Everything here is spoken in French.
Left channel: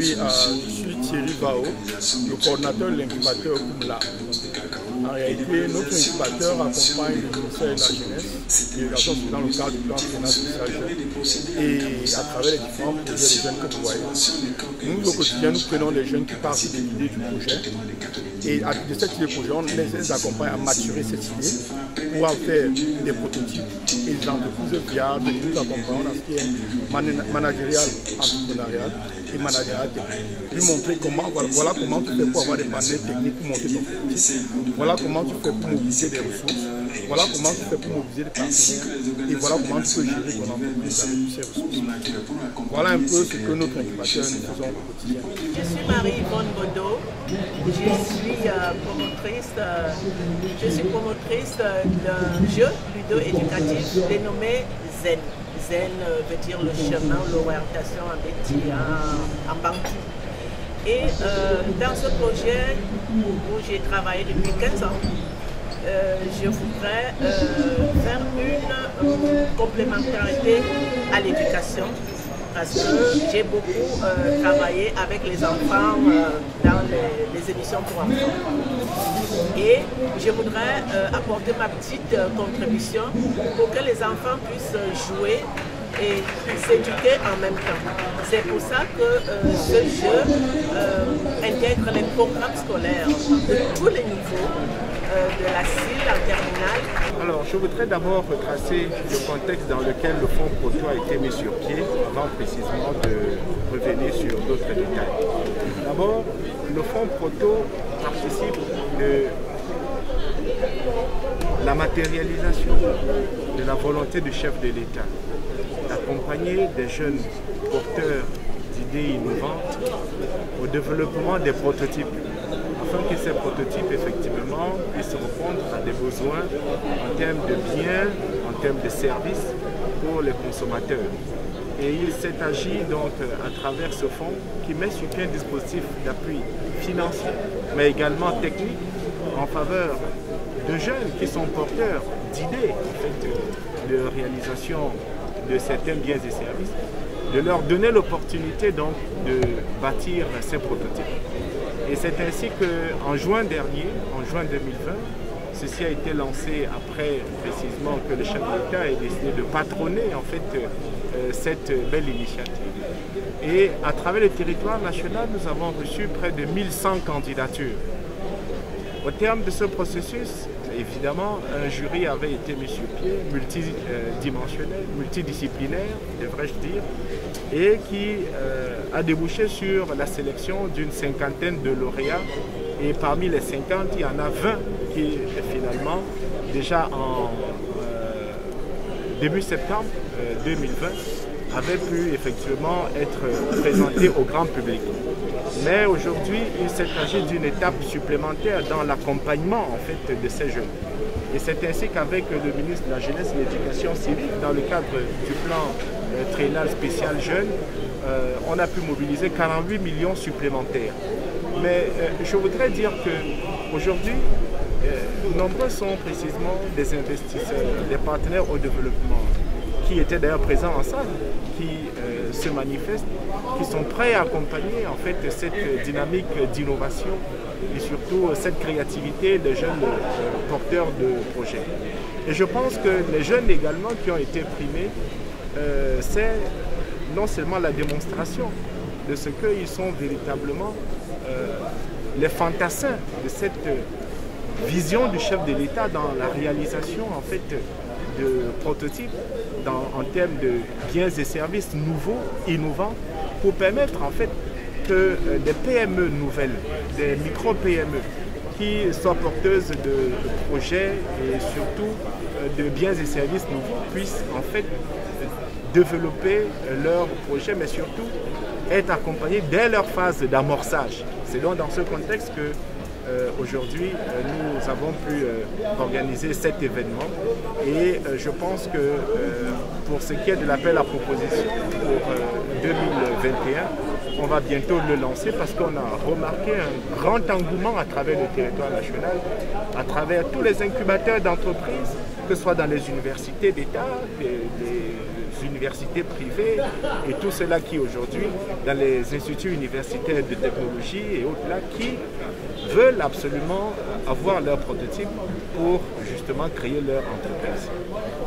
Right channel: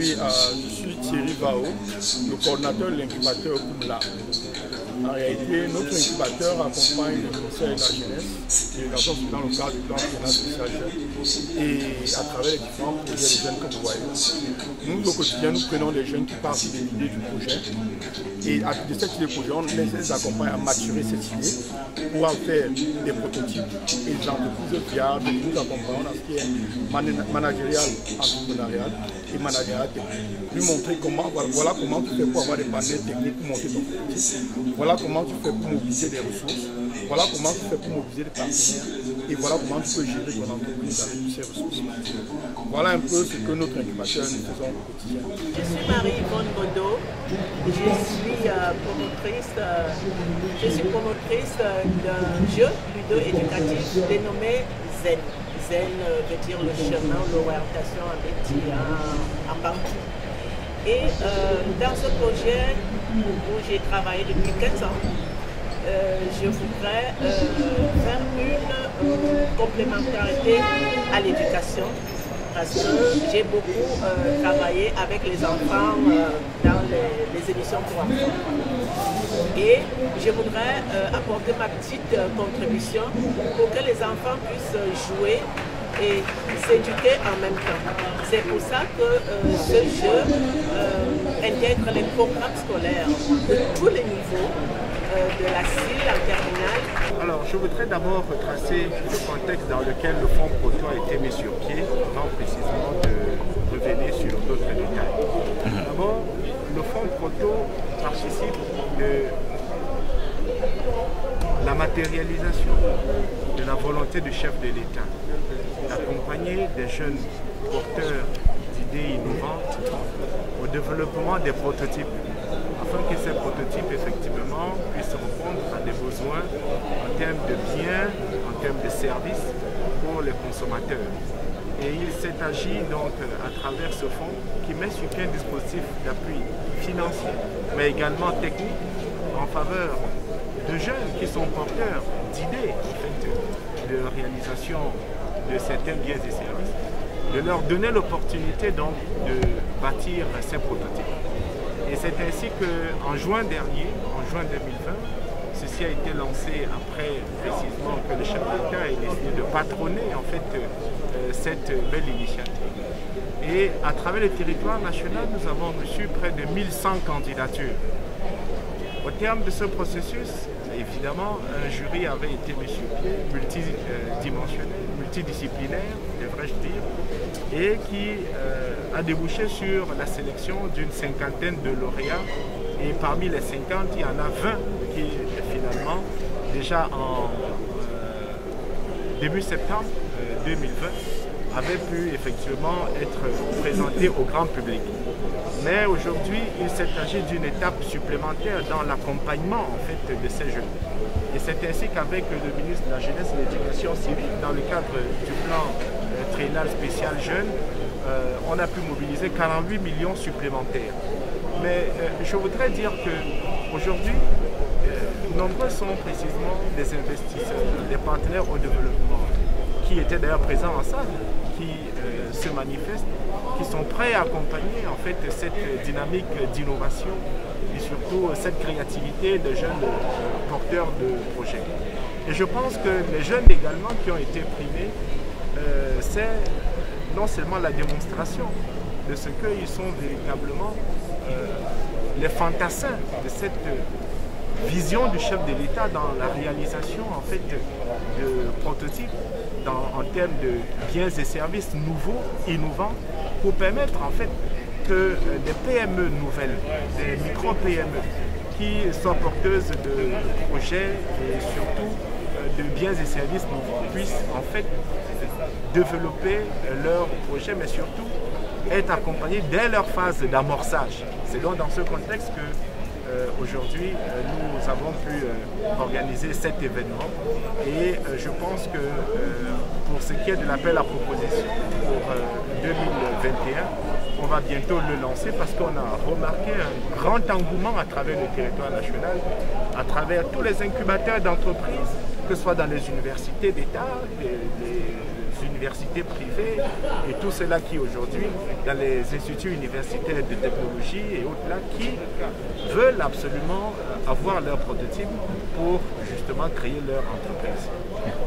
puis je suis Thierry Bao, le coordinateur de l'incubateur Kumla. En réalité, notre incubateur accompagne le ministère de la Jeunesse et dans le cadre du plan Finance Social Jeune et à travers les différents projets de jeunes que vous voyez. Nous, au quotidien, nous prenons des jeunes qui partent de l'idée du projet et de cette idée de projet, on les accompagne à maturer cette idée pour en faire des prototypes et des entreprises viables. Nous accompagnons dans ce qui est managérial, entrepreneurial et managérial technique. Lui montrer comment, voilà comment tu fais pour avoir des partenaires techniques pour monter ton prototype. Voilà comment tu fais pour mobiliser des ressources, voilà comment tu fais pour mobiliser des partenaires et voilà comment tu peux gérer ton entreprise avec ces ressources. Voilà un peu ce que notre incubateur nous faisons au quotidien. Je suis Marie-Yvonne Bodo, je suis promotrice d'un jeu ludo-éducatif dénommé Zen. Zen veut dire le chemin, l'orientation en bantu. Et dans ce projet où j'ai travaillé depuis 15 ans, je voudrais faire une complémentarité à l'éducation parce que j'ai beaucoup travaillé avec les enfants dans les émissions pour enfants. Et je voudrais apporter ma petite contribution pour que les enfants puissent jouer et s'éduquer en même temps. C'est pour ça que ce jeu intègre les programmes scolaires de tous les niveaux, de la CIL en terminale. Alors, je voudrais d'abord retracer le contexte dans lequel le fonds Proto a été mis sur pied, avant précisément de revenir sur d'autres détails. D'abord, le fonds Proto participe de la matérialisation de la volonté du chef de l'État d'accompagner des jeunes porteurs d'idées innovantes au développement des prototypes, afin que ces prototypes effectivement puissent répondre à des besoins en termes de biens, en termes de services pour les consommateurs. Et il s'est agi donc à travers ce fonds qui met sur pied un dispositif d'appui financier, mais également technique en faveur de jeunes qui sont porteurs d'idées en fait, de réalisation de certains biens et services, de leur donner l'opportunité donc de bâtir ces prototypes. Et c'est ainsi qu'en juin dernier, en juin 2020, ceci a été lancé après précisément que le chef de l'État ait décidé de patronner en fait cette belle initiative. Et à travers le territoire national, nous avons reçu près de 1100 candidatures. Au terme de ce processus, évidemment, un jury avait été mis sur pied, multidimensionnel, multidisciplinaire, devrais-je dire, et qui a débouché sur la sélection d'une cinquantaine de lauréats. Et parmi les 50, il y en a 20 qui, finalement, déjà en début septembre 2020, avaient pu effectivement être présentés au grand public. Mais aujourd'hui, il s'est agi d'une étape supplémentaire dans l'accompagnement en fait, de ces jeunes. Et c'est ainsi qu'avec le ministre de la Jeunesse et de l'Éducation civique, dans le cadre du plan triennal spécial jeunes, on a pu mobiliser 48 millions supplémentaires. Mais je voudrais dire qu'aujourd'hui, nombreux sont précisément des investisseurs, des partenaires au développement, qui étaient d'ailleurs présents en salle, qui se manifestent, qui sont prêts à accompagner en fait cette dynamique d'innovation et surtout cette créativité des jeunes porteurs de projets. Et je pense que les jeunes également qui ont été primés, c'est non seulement la démonstration de ce qu'ils sont véritablement les fantassins de cette vision du chef de l'État dans la réalisation en fait de prototypes en termes de biens et services nouveaux, innovants, pour permettre en fait que des PME nouvelles, des micro-PME qui sont porteuses de projets et surtout de biens et services nouveaux puissent en fait développer leurs projets, mais surtout être accompagnés dès leur phase d'amorçage. C'est donc dans ce contexte que aujourd'hui, nous avons pu organiser cet événement et je pense que pour ce qui est de l'appel à proposition pour 2021, on va bientôt le lancer parce qu'on a remarqué un grand engouement à travers le territoire national, à travers tous les incubateurs d'entreprises, que ce soit dans les universités d'État, les universités privées et tout cela qui aujourd'hui, dans les instituts universitaires de technologie et autres là, qui veulent absolument avoir leur prototype pour justement créer leur entreprise.